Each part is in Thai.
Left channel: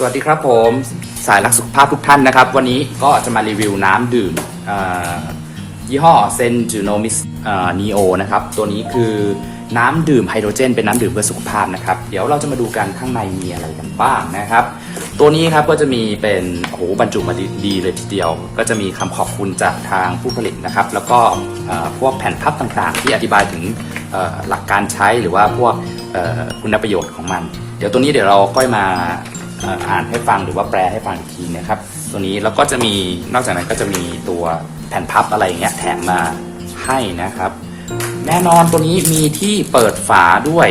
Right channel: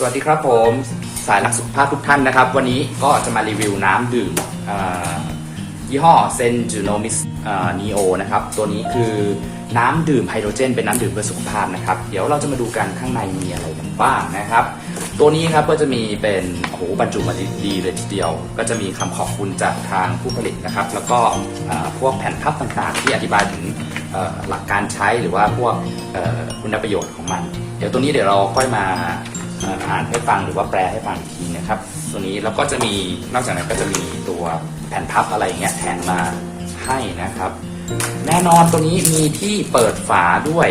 สวัสดีครับผมสายรักสุขภาพทุกท่านนะครับ วันนี้ก็จะมารีวิวน้ำดื่มยี่ห้อเซนจูโนมิสนีโอนะครับ ตัวนี้คือน้ำดื่มไฮโดรเจน เป็นน้ำดื่มเพื่อสุขภาพนะครับ เดี๋ยวเราจะมาดูกันข้างในมีอะไรกันบ้างนะครับ ตัวนี้ครับก็จะมีเป็นโอ้โหบรรจุมาดีเลยทีเดียว ก็จะมีคำขอบคุณจากทางผู้ผลิตนะครับ แล้วก็พวกแผ่นพับต่างๆ ที่อธิบายถึงหลักการใช้หรือว่าพวกคุณประโยชน์ของมัน เดี๋ยวตัวนี้เดี๋ยวเราค่อยมา อ่านให้ฟังหรือว่าแปลให้ฟังอีกทีนะครับ ตัวนี้แล้วก็จะมีนอกจากนั้นก็จะมีตัวแผ่นพับอะไรอย่างเงี้ยแถมมาให้นะครับ แน่นอนตัวนี้มีที่เปิดฝาด้วย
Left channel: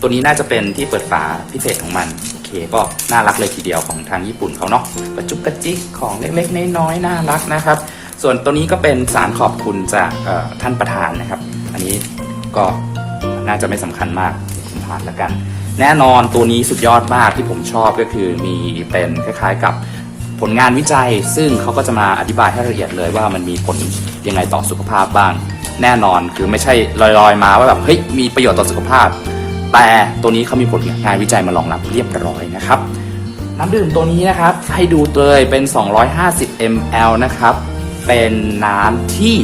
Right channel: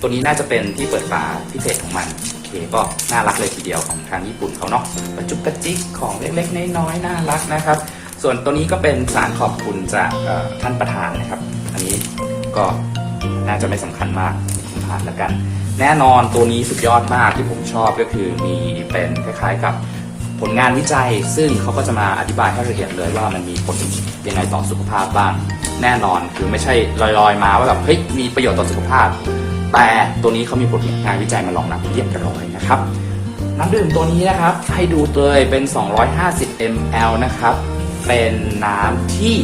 ตัวนี้น่าจะเป็นที่เปิดฝาพิเศษของมันโอเคก็น่ารักเลยทีเดียวของทางญี่ปุ่นเขาเนาะกระจุกกระจิกของเล็กๆน้อยๆน่ารักนะครับ ส่วนตัวนี้ก็เป็นสารขอบคุณจากท่านประธานนะครับ อันนี้ก็น่าจะไม่สำคัญมากผมผ่านแล้วกัน แน่นอนตัวนี้สุดยอดมากที่ผมชอบก็คือมีเป็นคล้ายๆกับผลงานวิจัย ซึ่งเขาก็จะมาอธิบายให้ละเอียดเลยว่ามันมีผลยังไงต่อสุขภาพบ้าง แน่นอนคือไม่ใช่ลอยๆ มาว่าแบบเฮ้ยมีประโยชน์ต่อสุขภาพ แต่ตัวนี้เขามีผลงานวิจัยมารองรับเรียบร้อยนะครับน้ำดื่มตัวนี้นะครับให้ดูเลยเป็น 250 ml นะครับ เป็นน้ำที่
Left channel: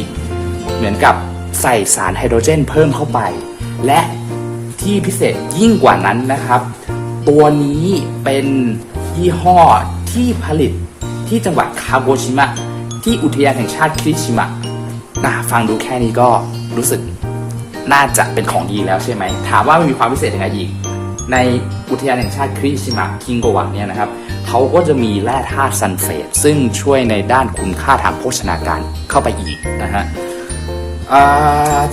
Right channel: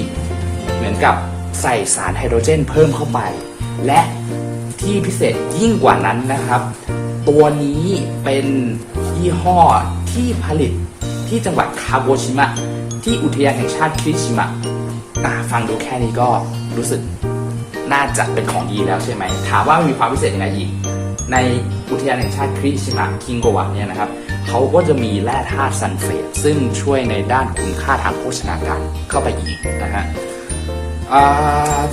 เหมือนกับใส่สารไฮโดรเจนเพิ่มเข้าไป และ ที่พิเศษยิ่งกว่านั้นนะครับ ตัวนี้เป็นยี่ห้อที่ผลิตที่จังหวัดคาโกชิมะ ที่อุทยานแห่งชาติคิริชิมะอะฟังดูแค่นี้ก็รู้สึกน่าจะเป็นของดีแล้วใช่ไหม ถามว่ามีความพิเศษยังไงอีก ในอุทยานแห่งชาติคริชิมะคิงโกวะเนี่ยนะครับเขาก็จะมีแร่ธาตุซัลเฟตซึ่งช่วยในด้านคุณค่าทางโภชนาการเข้าไปอีกนะฮะ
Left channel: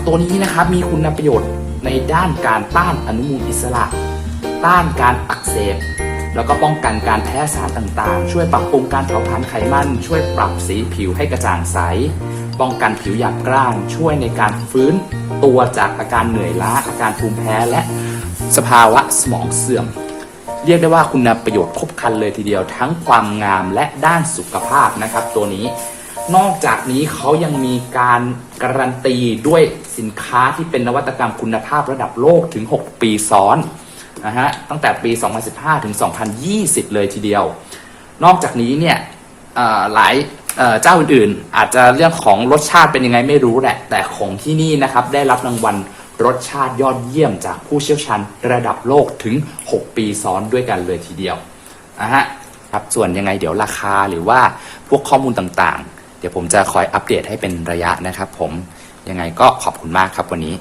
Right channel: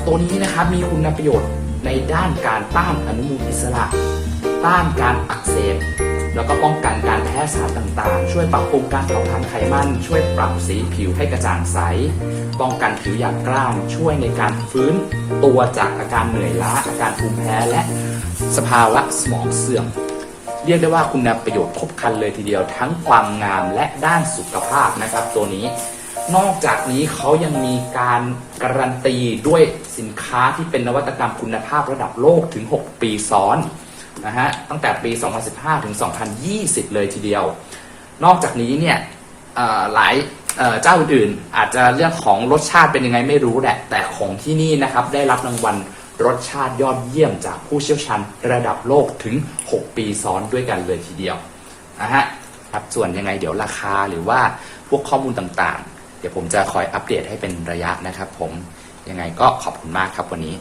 ตัวนี้นะครับมีคุณประโยชน์ ในด้านการต้านอนุมูลอิสระ ต้านการอักเสบ แล้วก็ป้องกันการแพ้สารต่างๆ ช่วยปรับปรุงการเผาผลาญไขมัน ช่วยปรับสีผิวให้กระจ่างใส ป้องกันผิวหยาบกร้าน ช่วยในการฟื้นตัวจากอาการเหนื่อยล้า อาการภูมิแพ้และสภาวะสมองเสื่อม เรียกได้ว่าคุณประโยชน์ครบครันเลยทีเดียวทั้งความงามและด้านสุขภาพนะครับ ตัวนี้ นอกจากนี้เขายังมีการการันตีด้วยสินค้าที่เป็นนวัตกรรมคุณภาพระดับโลกถึง 6 ปีซ้อนนะฮะตั้งแต่ปี 2015 ถึง 2020 เลยทีเดียว นอกจากนี้เนี่ยหลายเอ่อเจ้าอื่นๆอาจจะเรื่องของรสชาติเป็นยังไงไม่รู้แหละ แต่ของที่นี่นะครับได้รับรางวัลรสชาติยอดเยี่ยมจากผู้เชี่ยวชาญระดับโลกถึง 6 ปีซ้อนด้วยกันเลยทีเดียวนะฮะครับส่วนยังไงเดี๋ยวราคาหรือว่าพวกข้อมูลต่างๆ เดี๋ยวผมจะคอยอัปเดตให้เป็นระยะนะครับผมยังไงก็ขอบคุณมากครับวันนี้